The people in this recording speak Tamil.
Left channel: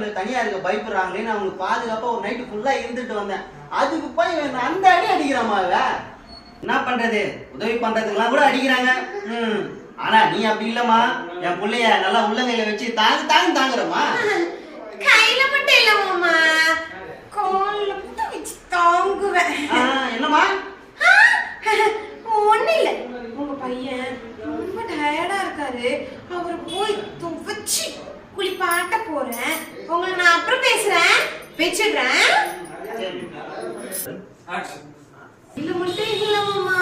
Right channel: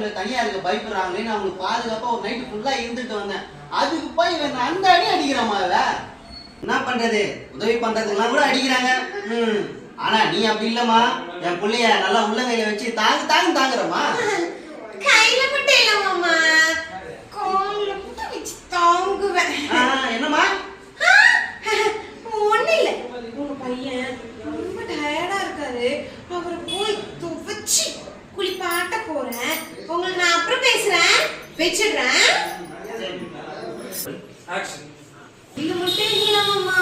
பெரியவங்க தனியா இருக்க பயப்படுறாங்களேன்னு அவங்க பாதுகாப்பா ஒரு நைட்டு ஃபுல்லா இருந்துட்டு வந்தேன். அதுக்கு போய் அந்த அடி அடிக்கிறாமா என்ன பண்றது? உதவி பண்றதுக்கெல்லாம் கூட அடிக்கிறாங்க. ஆனா நீ அப்படி இல்லம்மா, என் பிள்ளைய நல்லா உள்ளங்கையில வச்சு தாங்குறமா. கையில மட்டும் இல்ல மாமா, கால்ல மட்டும் வச்சு தாங்குவேன். என்னம்மா? ஒண்ணு இல்ல, உங்க பையன் ரொம்ப டயர்டா இருக்காரு, அவரை போய் துவைச்சு குளிப்பாட்ட போறேன். உங்களை நான் அப்புறம் பேசுறேன், வச்சிடுறேன். இது மட்டும் இல்ல மாமா,